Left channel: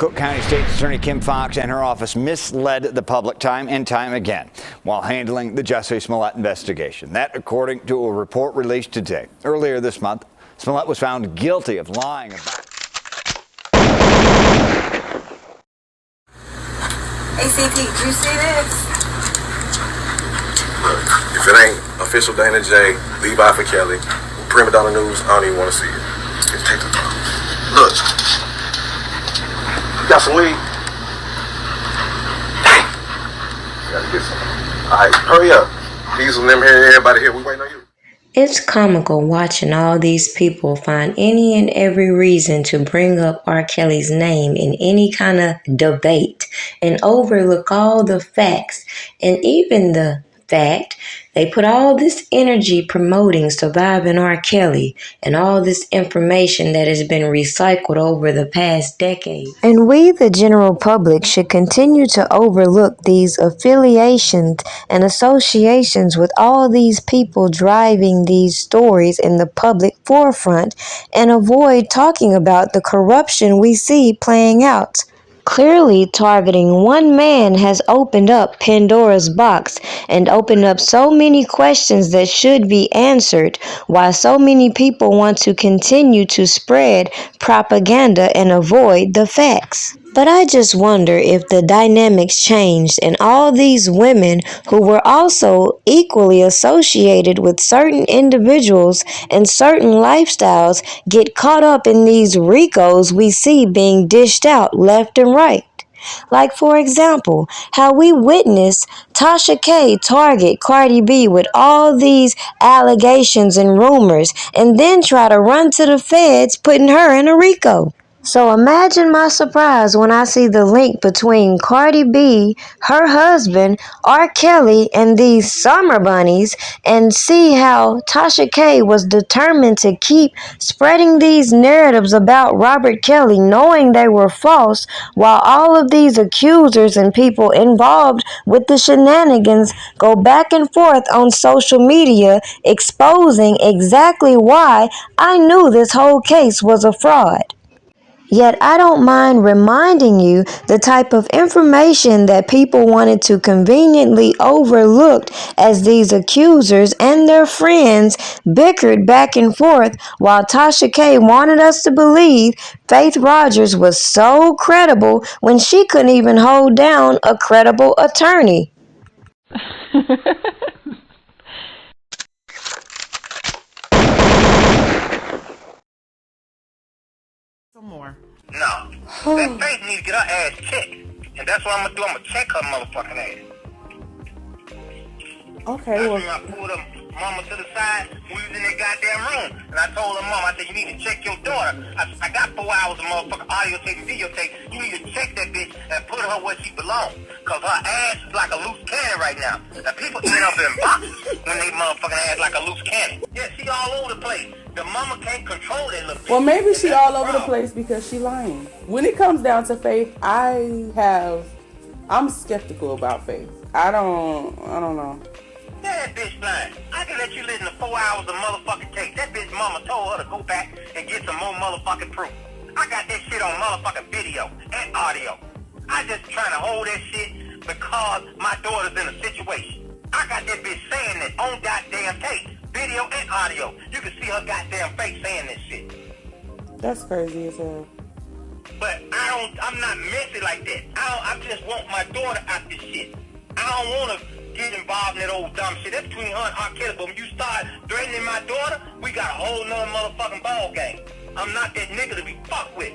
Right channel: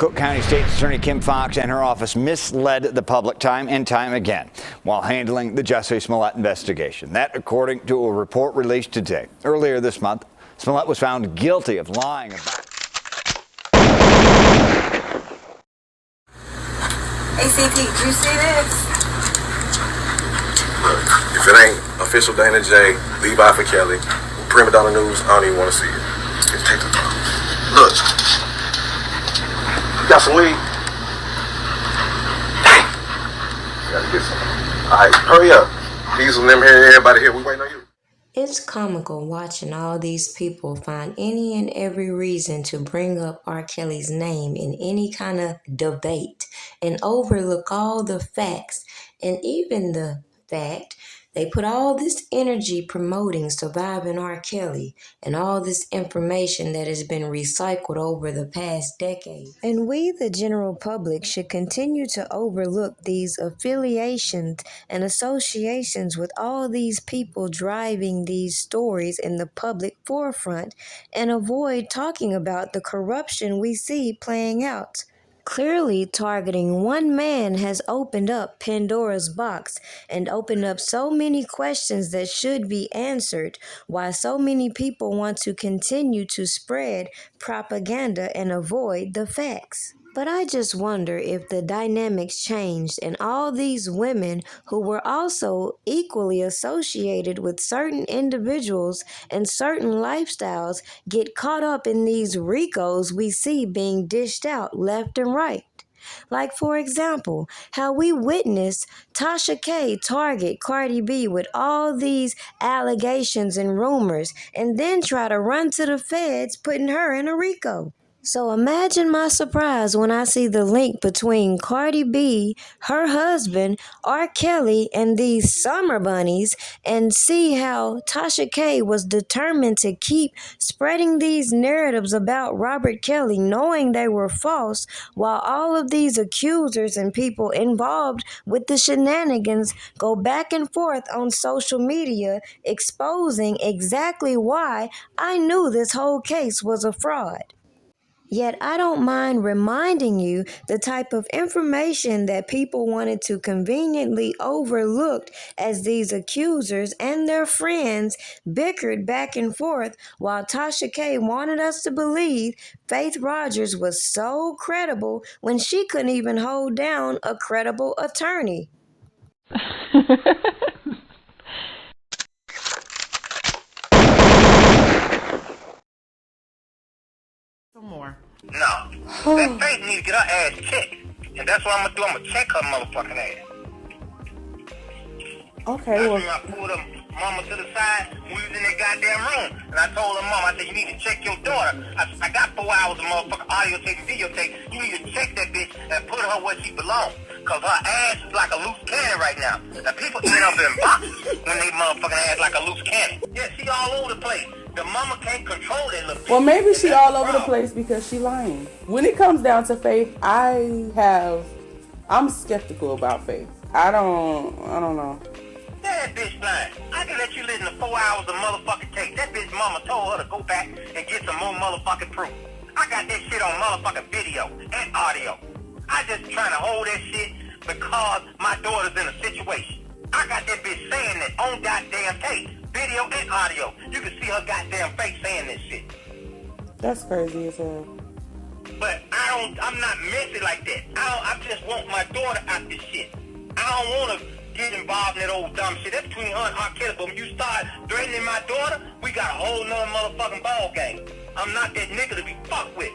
Cook County State's Attorney Kim Foxx and her office misled the public time and time again while handling the Jussie Smollett investigation. That, according to a report released today. Earlier this month, Smollett was found guilty of lying about. ACP, do you see this? Look, if it ain't official Dana J, Levi for Kelly, Primadonnanews, I don't even want to see it. Just take the phone. Look. Got some weed? Dang. Gotta get some. Alright, hurry up. Diesel and them here, everybody here, we waiting on you. It's comical watching all these people find any and every reason to bring up R. Kelly's name in any kind of debate and overlook all the facts, and even the fact they put all this energy promoting surviving R. Kelly and all this information that has been recycled over the past decade. And we, the general public, should continue to overlook these affiliations and associations with all these people driving these stories in the public forefront and avoid talking about the corruption we see playing out. Clearly, targeting one man has opened up Pandora's box and opened up so many questions that should be answered, why so many people want to continue to spread propaganda and avoid the facts. But I just wonder if the dynamics changed and all these women who were also equally associated with certain individuals and certain lifestyles get caught up in these RICOs we see being dished out left and right. Like, for example, how we witnessed Tasha K target Cardi B with all these allegations and rumors and then try to run to the feds putting her in a RICO. So imagine my surprise when I see the link between Cardi B, her husband, R. Kelly, and these summer bunnies, and see how Tasha K was determined to keep spreading these narratives about Robert Kelly, knowing they were false, while all of these accusers and people involved with the shenanigans go back and forth on social media, exposing exactly why I knew this whole case was a fraud. Yet I don't mind reminding you the type of information that people wanted to conveniently overlook as these accusers and their friends bickered back and forth while Tasha K wanted us to believe Faith Rogers was so credible when she couldn't even hold down a credible attorney. More. No. That Faith needs to get her ass checked. And that's what I'm going to do. I'm going to check her motherfucking ass. Okay, I well. I pulled her mama to the side when we was in that goddamn room. And I told her mom, I said, you need to check your daughter. I got 4 hours of motherfucking audio tape and videotape. You need to check that bitch and put her where she belongs. Because her ass is like a loose cannon right now. Now people end up in boxes when they motherfucking ass like a loose cannon. Yeah, she all over the place. The mama can't control that little bitch. Well, maybe she all over the place because she lying. When it comes down to Faith, I'm skeptical about Faith. I don't know. Yeah, that bitch lying. I can let you listen to 4 hours of motherfucking tape. That bitch mama told her to go back and get some more motherfucking proof. I got that shit on motherfucking video and audio. I just trying to hold that shit because my daughter's in a situation. I got that bitch saying that on goddamn tape. Video and audio. You can see her goddamn face saying this shit. That's crazy as hell. But I'm not messy like that. I just want my daughter out this shit. I don't want to get involved in that old dumb shit. That's between her and R. Kelly. But when you start threatening my daughter, we got a whole nother motherfucking ball game. I'm not that nigga to be fucked with.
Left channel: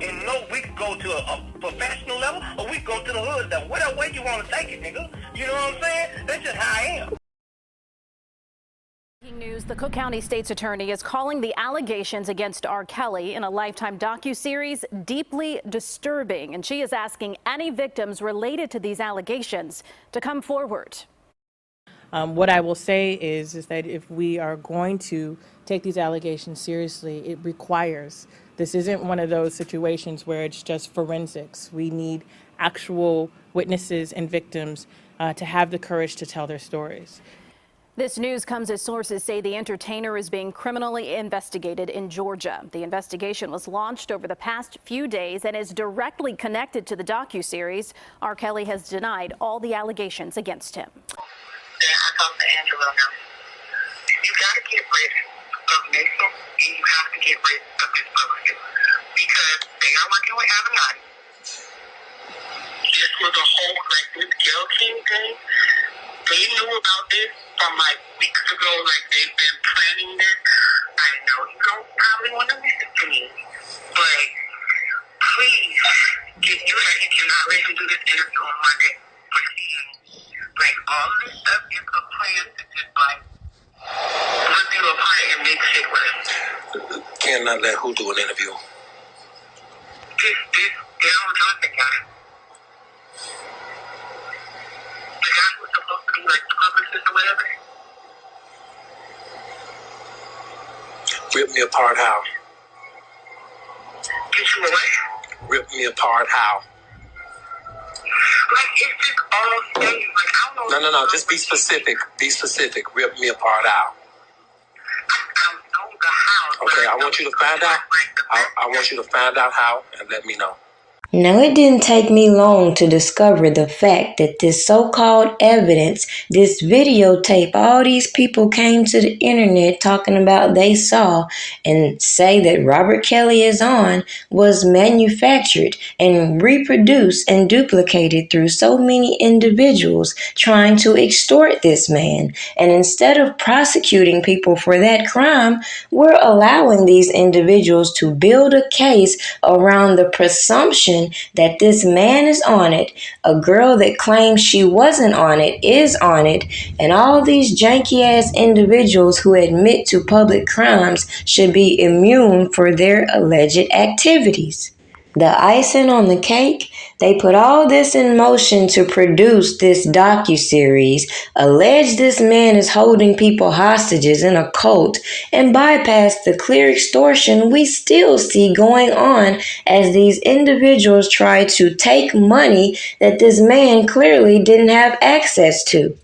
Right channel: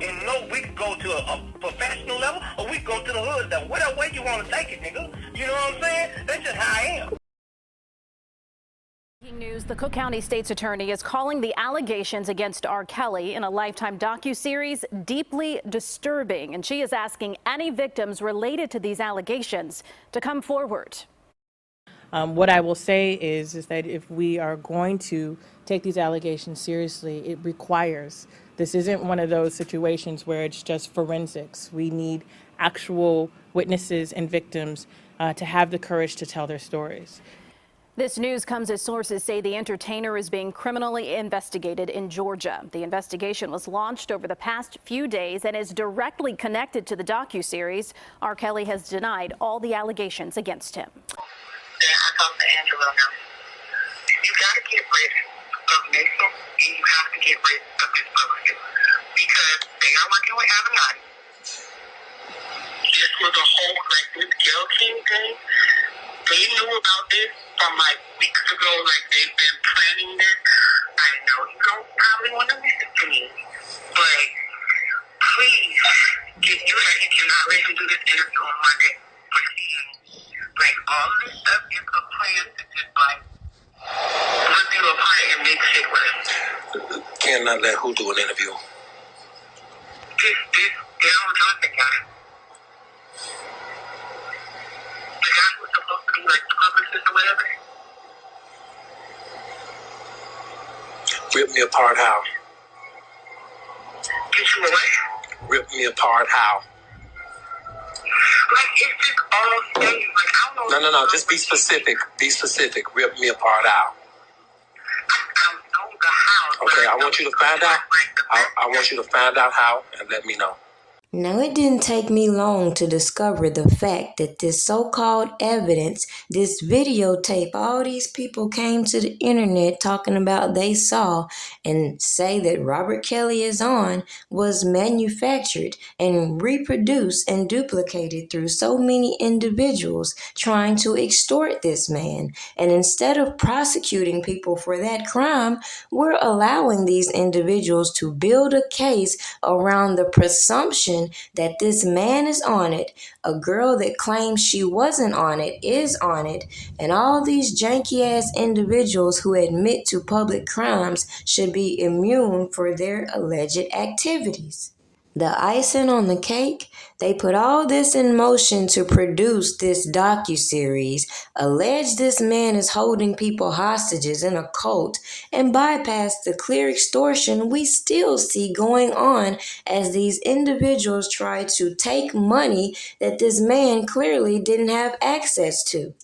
And no, we could go to a professional level or we could go to the hood level. Whatever way you want to take it, nigga. You know what I'm saying? That's just how I am. News: the Cook County State's Attorney is calling the allegations against R. Kelly in a Lifetime docuseries deeply disturbing, and she is asking any victims related to these allegations to come forward. What I will say is that if we are going to take these allegations seriously, it requires, this isn't one of those situations where it's just forensics. We need actual witnesses and victims to have the courage to tell their stories. This news comes as sources say the entertainer is being criminally investigated in Georgia. The investigation was launched over the past few days and is directly connected to the docuseries. RKelly has denied all the allegations against him. I talked to Angela now. You got to get rid of Mason and you have to get rid of this publicist because they are working with Avenatti. This was a whole, like, this Gail King thing. They knew about this from like weeks ago, like they've been planning this. I know you don't probably want to listen to me, but please, you cannot let him do this interview on Monday. Like, all of this stuff is a plan to just like put you apart and make shit worse. Cannot let who do an interview? This Daryl Johnson guy. The guy who's supposed to be like the publicist or whatever. Rip me apart how? Get you away? Rip me apart how? Like, it's just all things. Like, I don't know. No. Just be specific. Be specific. Rip me apart how? I don't know the how. Okay, I want you to find out. I want you to find out how and let me know. Now, it didn't take me long to discover the fact that this so-called evidence, this videotape, all these people came to the internet talking about they saw and say that RKelly is on, was manufactured and reproduced and duplicated through so many individuals trying to extort this man. And instead of prosecuting people for that crime, we're allowing these individuals to build a case around the presumption that this man is on it, a girl that claims she wasn't on it is on it, and all these janky ass individuals who admit to public crimes should be immune for their alleged activities. The icing on the cake, they put all this in motion to produce this docuseries, allege this man is holding people hostages in a cult, and bypass the clear extortion we still see going on as these individuals try to take money that this man clearly didn't have access to.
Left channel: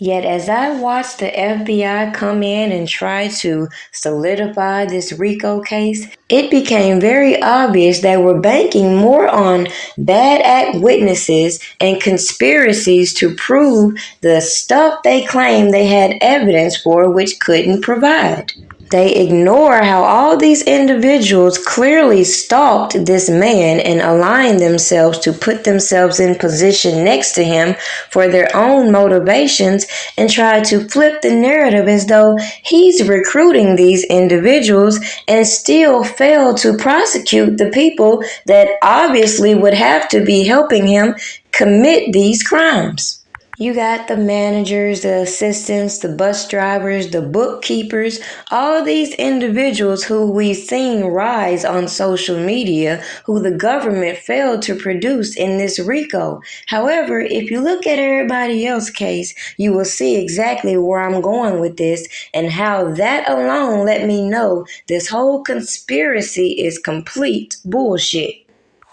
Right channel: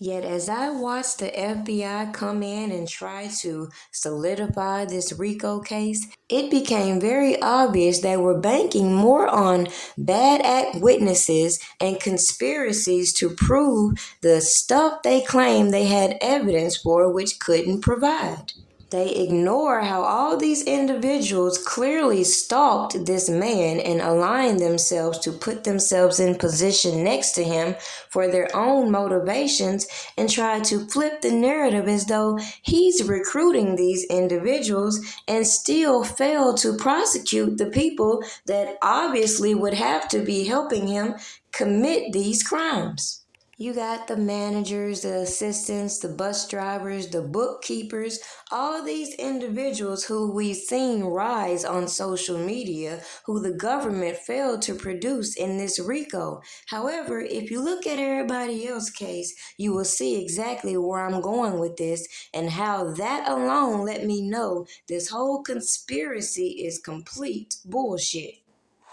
Yet as I watched the FBI come in and try to solidify this RICO case, it became very obvious they were banking more on bad act witnesses and conspiracies to prove the stuff they claimed they had evidence for which couldn't provide. They ignore how all these individuals clearly stalked this man and aligned themselves to put themselves in position next to him for their own motivations and try to flip the narrative as though he's recruiting these individuals and still fail to prosecute the people that obviously would have to be helping him commit these crimes. You got the managers, the assistants, the bus drivers, the bookkeepers, all these individuals who we've seen rise on social media, who the government failed to produce in this RICO. However, if you look at everybody else's case, you will see exactly where I'm going with this and how that alone let me know this whole conspiracy is complete bullshit.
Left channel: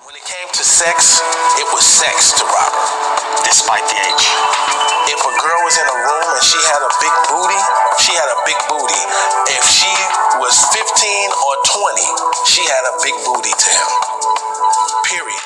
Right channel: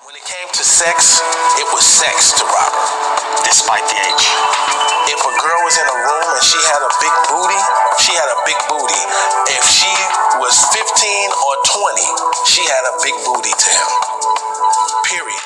When it came to sex, it was sex to Robert, despite the age. If a girl was in a room and she had a big booty, she had a big booty. If she was 15 or 20, she had a big booty to him. Period.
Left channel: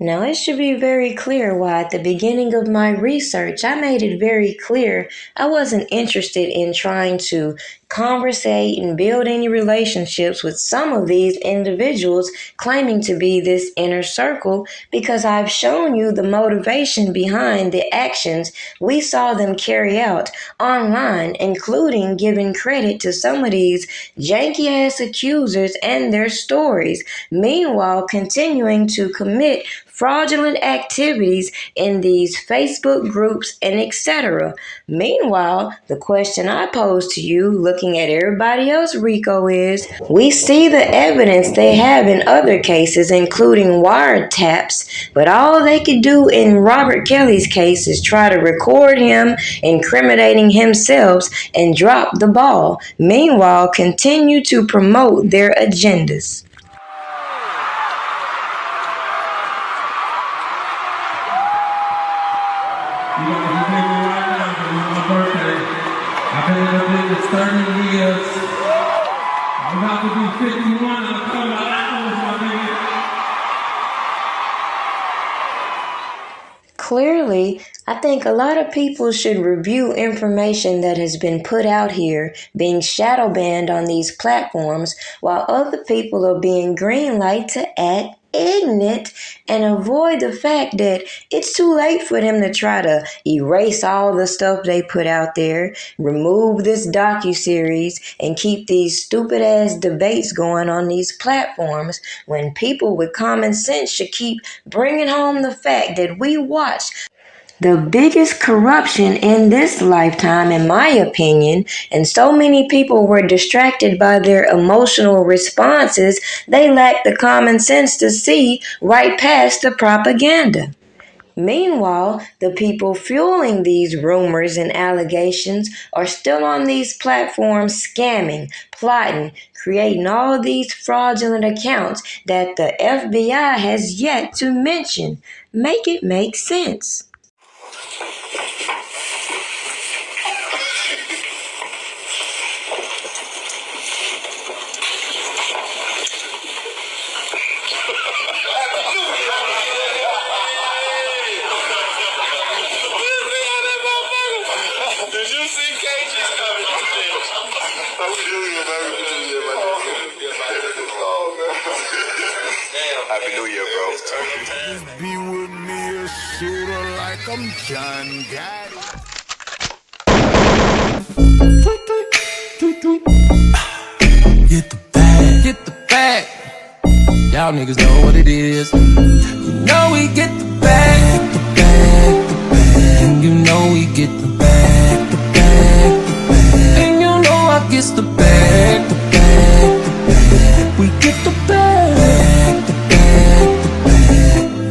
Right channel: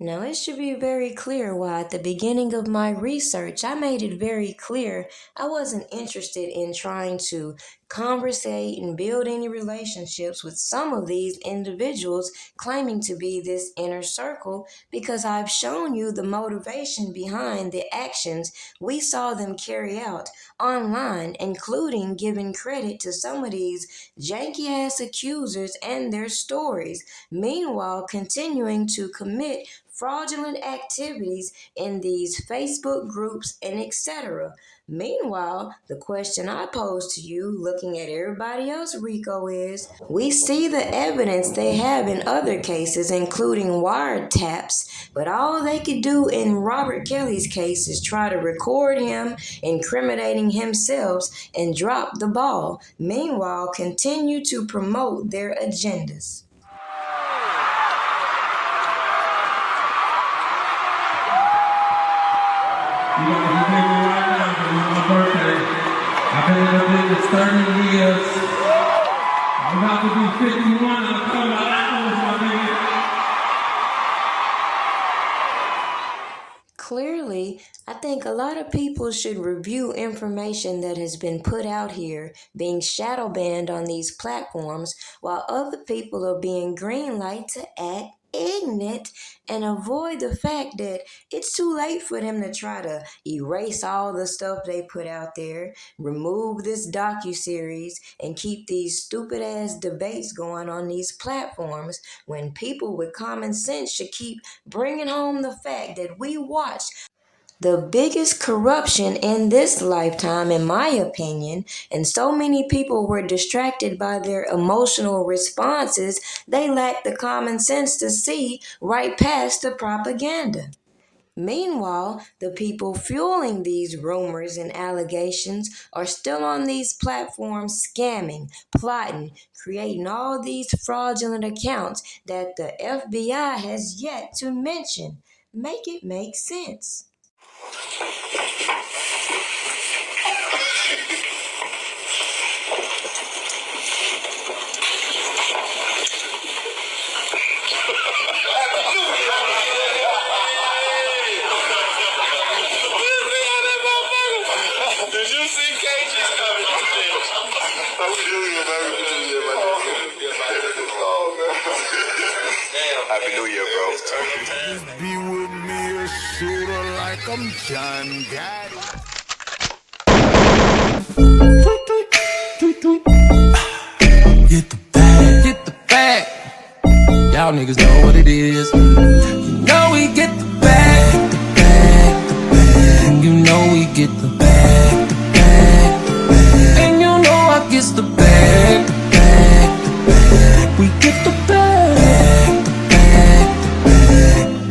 Now, it should be very clear why at the beginning of my research, I made it very clear I wasn't interested in trying to conversate and build any relationships with some of these individuals claiming to be this inner circle, because I've shown you the motivation behind the actions we saw them carry out online, including giving credit to some of these janky ass accusers and their stories, meanwhile continuing to commit fraudulent activities in these Facebook groups and etc. Meanwhile, the question I pose to you, looking at everybody else RICO, is we see the evidence they have in other cases, including wiretaps, but all they could do in RKelly's case is try to record him incriminating himself and drop the ball. Meanwhile, continue to promote their agendas. You know, if you take me right now, because it's my birthday. 30 years. I'm about to be 51. I'm talking about apples, my nigga. Clearly, I think a lot of people should review information that has been put out here being shadow banned on these platforms while other people are being greenlight to act ignorant and avoid the fact that it's too late for them to try to erase all the stuff they put out there, remove this docuseries, and keep these stupid ass debates going on these platforms when people with common sense should keep bringing home the fact that we watched the biggest corruption in this lifetime, in my opinion, and so many people were distracted by their emotional responses, they lacked the common sense to see right past the propaganda. Meanwhile, the people fueling these rumors and allegations are still on these platforms scamming, plotting, creating all these fraudulent accounts that the FBI has yet to mention. Make it make sense. Did you see KG coming? Happy New Year, bro. Be with me a shooter like I'm John Gotti. Get the bag. Get the bag. Y'all niggas know what it is. You know we get the bag. Get the bag. And you know we get the bag. And you know I gets the bag. We get the bag.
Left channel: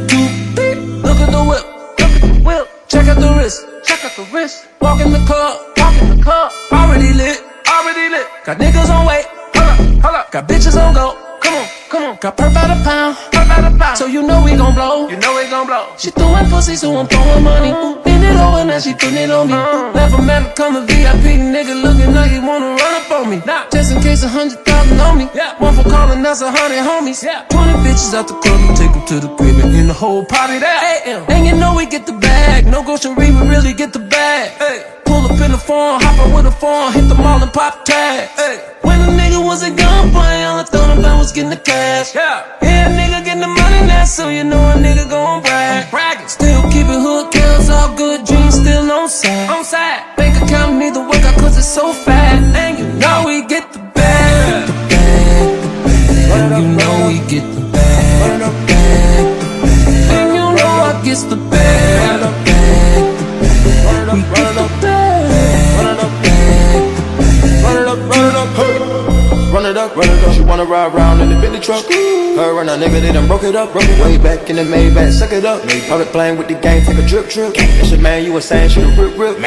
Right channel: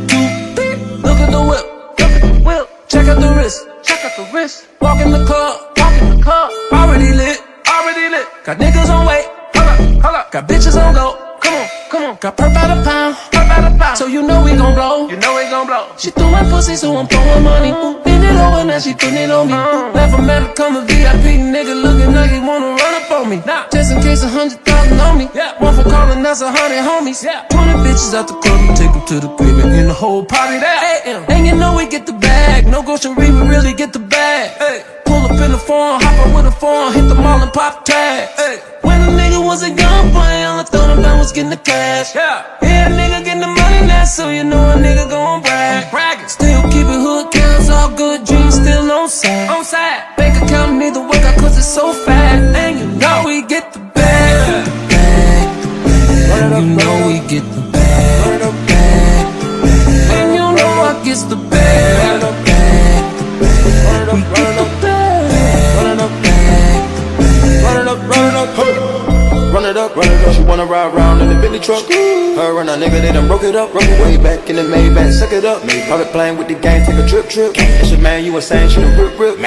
Two beat. Look at the whip. Look at the whip. Check out the wrist. Check out the wrist. Walk in the club. Walk in the club. Already lit. Already lit. Got niggas on wait. Hold up. Hold up. Got bitches on go. Come on. Come on. Got perp out a pound. Perp out a pound. So you know we gon' blow. You know we gon' blow. She throwing pussy, so I'm throwing money. Bend it over, now she putting it on me. Left a man to come a VIP. Nigga looking like he wanna run up on me. Just in case 100,000 on me. One for calling, that's 100 homies. 20 bitches out the club and take them to the crib and in the whole party there. And you know we get the bag. No grocery, we really get the bag. Pull up in the phone, hop up with a phone, hit the mall and pop tags. When a nigga was a young boy, all I thought about was getting the cash. Yeah, nigga getting the money now, so you know a nigga gon' brag. Still keep it hood counts, all good dreams still on side. Bank account need to work out cause it's so fat. And you know we get the bag. And you know we get the bag. And you know I gets the bag. We get the bag. Run it up, run it up, hey. Run it up, she wanna ride round in the Bentley truck. Her and a nigga, they done broke it up. Way back in the Maybach, suck it up. Private plane with the gang, take a trip. That's your man, you was saying she the rip.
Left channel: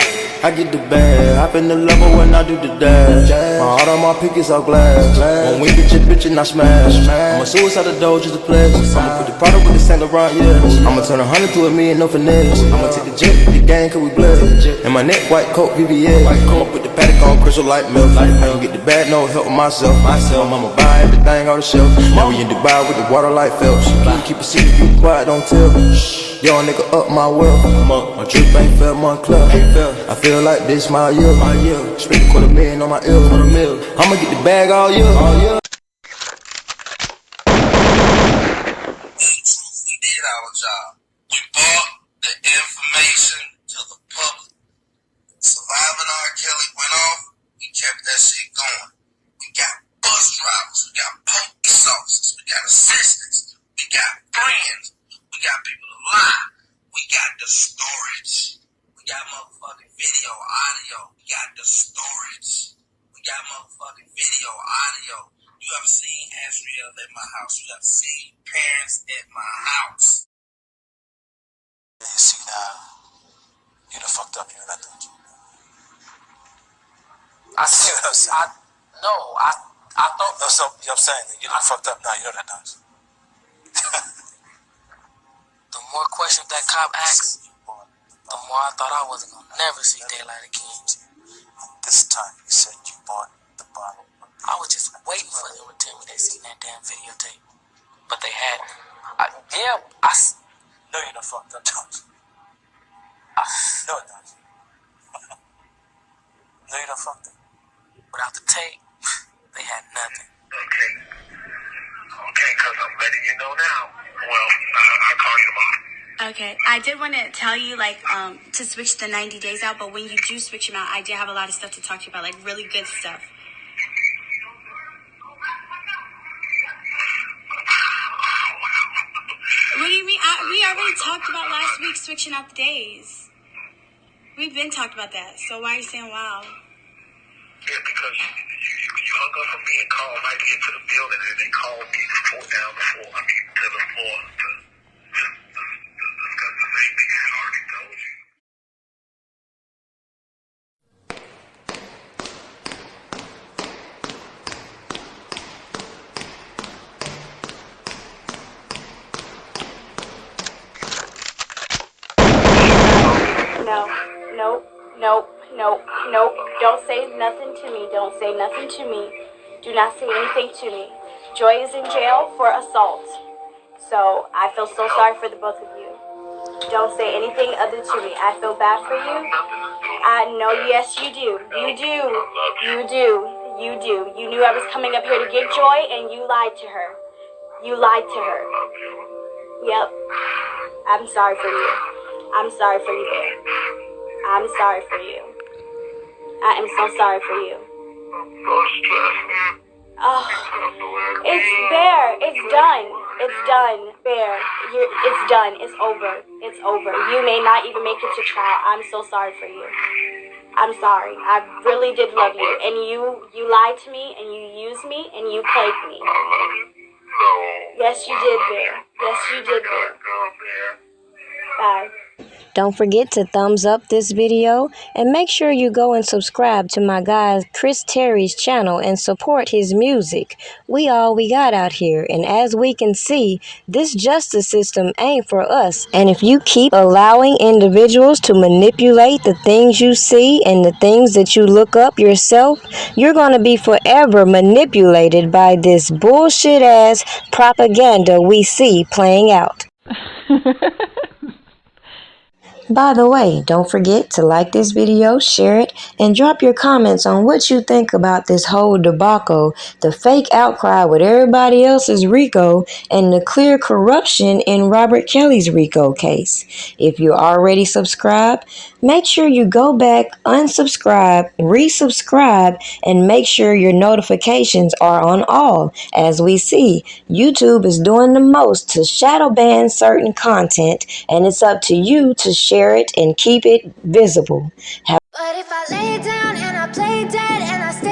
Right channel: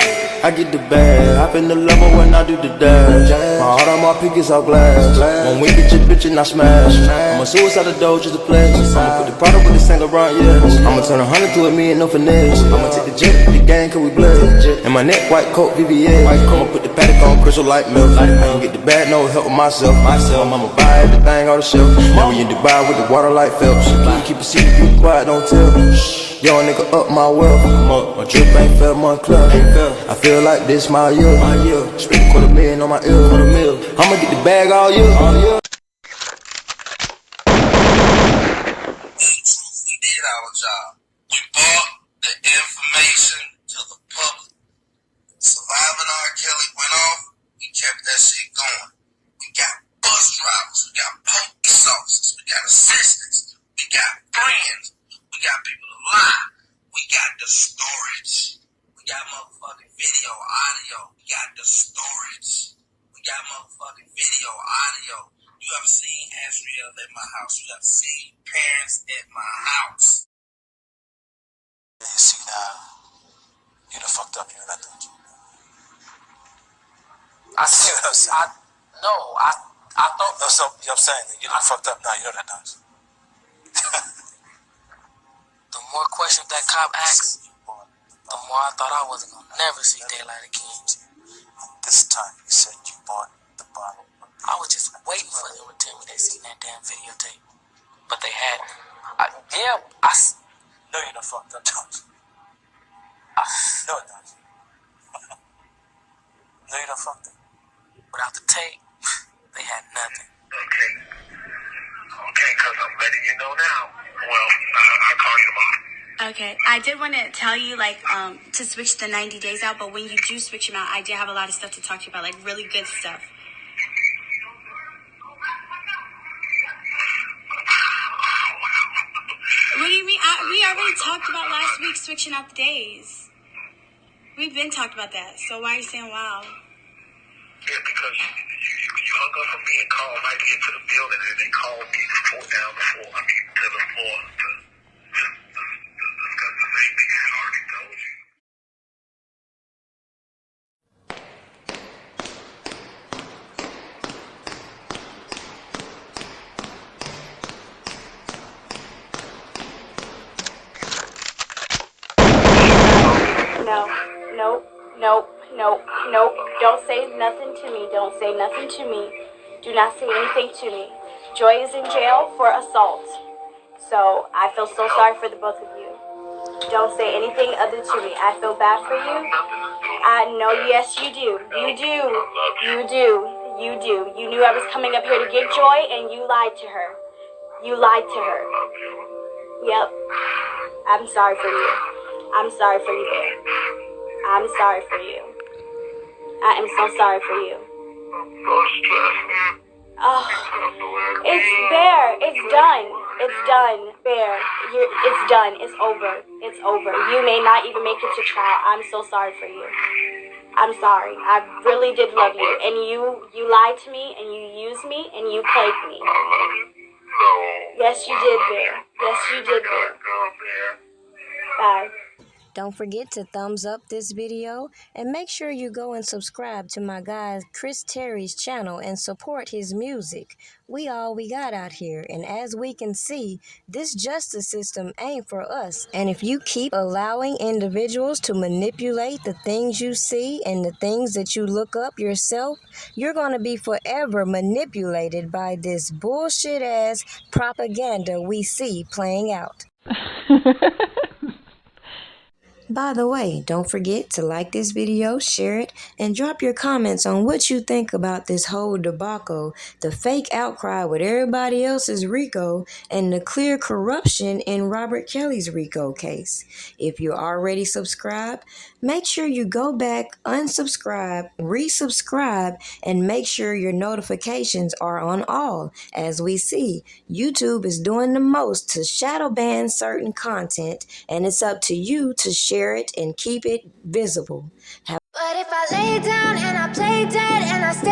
I get the bag, hop in the level when I do the dash. My heart on my pickets all glass. When we get your bitch and I smash. I'ma suicide the dough, just a pledge. I'ma put the product with the Saint Laurent, yeah. I'ma turn 100 to a million, no finesse. I'ma take the jet, the gang, cause we bled. And my neck, white coat, VVS. I'ma put the paddock on, crystal light milk. I can get the bag, no help with myself. I'ma buy everything off the shelf. Now we in Dubai with the water like Phelps. Keep a secret, keep it quiet, don't tell. Yo, nigga, up my wealth. I'm up. My drip ain't felt, my club. I feel like this my year. Spend $250,000 on my ear. I'ma get the bag all year. We did our job. We brought the information to the public. Surviving RKelly went off. We kept that shit going. We got bus drivers. We got police officers. We got assistants. We got friends. We got people to lie. We got the storage. We got motherfucking video, audio. We got the storage. We got motherfucking video, audio. You ever seen Asriel at my house? You ever seen parents at my house? See now, you done fucked up, you know that, don't you? I see what I'm saying. I thought. No, so, you know what I'm saying? You done fucked up now, you know that, don't you? The more questions that cop asked, the more I thought I wasn't gonna never see daylight again. this time you said you bought the bottle. I was just waiting for them to tell me they seen that damn videotape. But they hadn't. No, you done fucked up, Tasha. No, Tasha. No, you done fucked up. Without the tape, they had nothing. Okay. Okay, because I'm letting you know now. Well, I'll call you tomorrow. Okay, I did want to tell you, to switch the 90 days out, but when you do switch them out, I did have a lot of stuff to talk to you about, really good stuff. What do you mean? We already talked about last week switching out the days. We've been talked about that, so why are you saying wow? Yeah, because you hung up on me and called right into the building, and they called me to the floor to discuss the same thing I had already told you. No. Don't say nothing to me. Don't say nothing to me. Do not say anything to me. Joy is in jail for assault. So I feel so sorry for the both of you. Don't say anything other to me. I feel bad for you. I know, yes, you do. You knew I was coming up here to get Joy, and you lied to her. Yep. I'm sorry for you. I'm sorry for you, Bear. I'm sorry for you. I am so sorry for you. Oh, it's Bear. It's done. Bear. It's done. It's over. You may not even make it to trial. I'm so sorry for you. I'm sorry. I really did love you. And you lied to me, and you used me, and you played me. Yes, you did, Bear. Bye. Don't forget to thumbs up this video and make sure you go and subscribe to my guy Chris Terry's channel and support his music. We all we got out here, and as we can see, this justice system ain't for us. And if you keep allowing individuals to manipulate the things you see and the things that you look up yourself, you're going to be forever manipulated by this bullshit ass propaganda we see playing out. By the way, don't forget to like this video, share it, and drop your comments on what you think about this whole debacle, the fake outcry with everybody else's RICO, and the clear corruption in RKelly's RICO case. If you're already subscribed, make sure you go back, unsubscribe, resubscribe, and make sure your notifications are on all. As we see, YouTube is doing the most to shadow ban certain content, and it's up to you to share it and keep it visible. But if I lay down and I play dead and I stay